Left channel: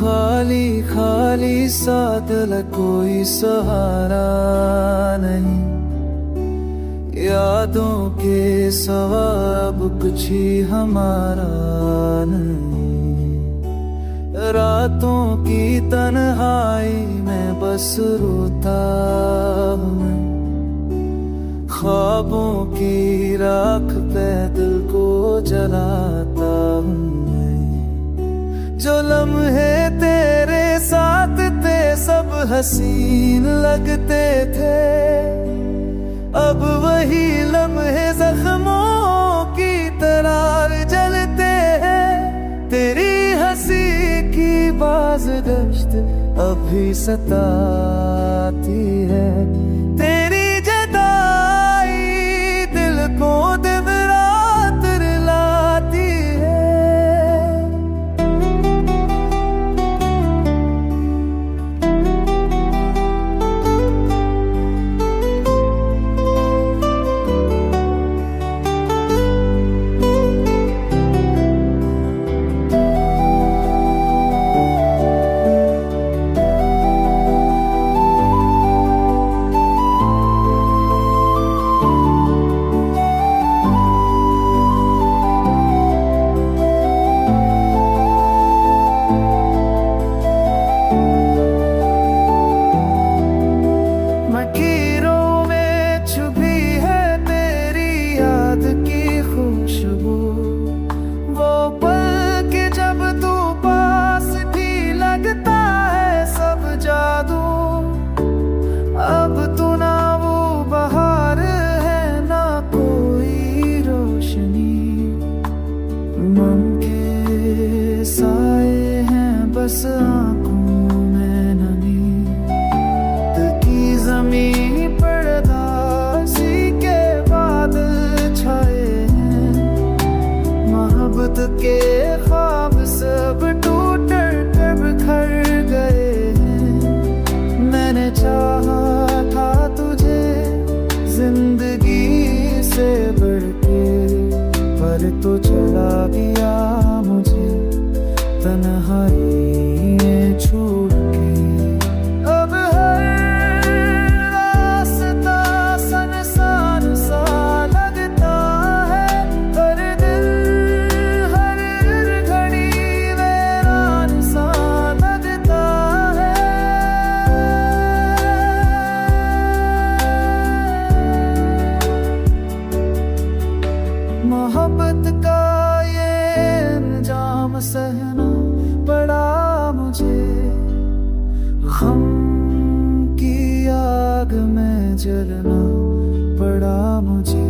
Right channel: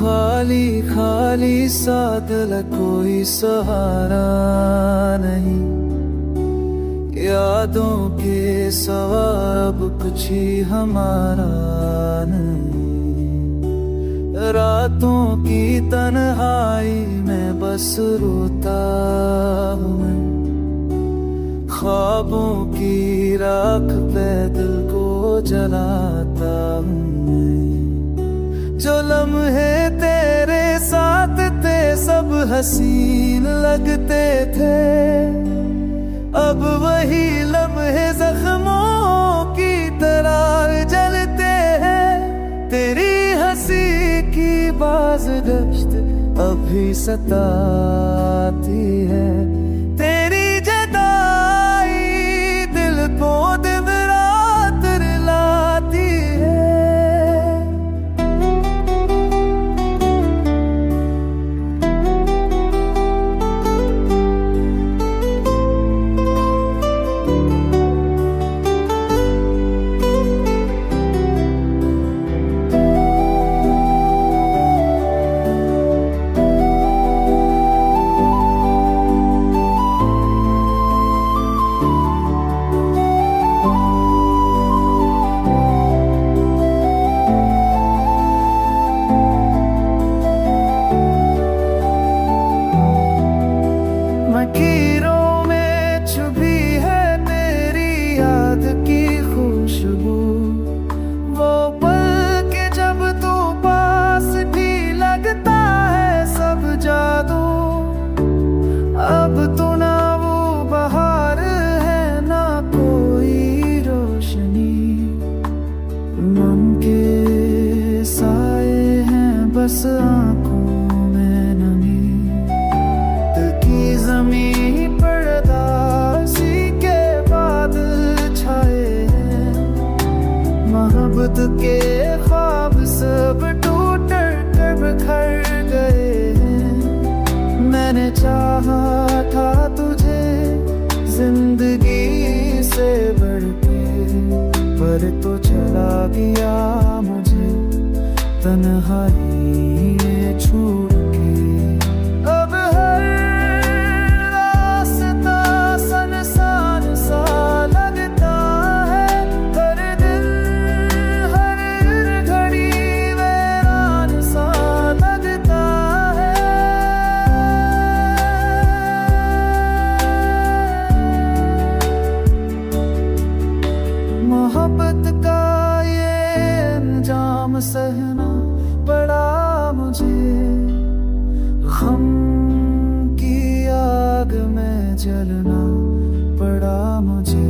खाली खाली सा दिल, कोई सहारा नहीं। यादों के सिवा अब कुछ ही हमारा नहीं। रातों की तन्हाई में बस रोता हूँ मैं, ख्वाबों की राख पे दिल को जलाता हूँ मैं। जो लम्हे तेरे साथ थे सब हसीन लगते थे, अब वही लम्हे जख्मों की तरह जलते हैं। तेरी हंसी की बाज़गश्त अभी सताती है, तेरी जुदाई दिल को दिन रात रुलाती है। लकीरों में छुपी है तेरी याद की खुशबू, वो पल के जब तू पास भी लगता है सब जादू। अब तू ना वो बहार है ना कोई रोशनी, मम के साए हैं बस आंखों में नमी। की ज़मीं पर उदासी के बादल छाए हैं, मोहब्बत के ख्वाब सब टूट कर बिखर गए हैं। मैंने चाहा था तुझे जिंदगी से बढ़ के, पर तो चला गया मुझे तन्हाई में छूट के। अब हर रास्ता संसार सा लगता है, हर दिल हर घड़ी वीरान सा लगता है। मोहब्बत का ये अंजाम सहना पड़ा मुझे, गम की आग में जलना पड़ा मुझे।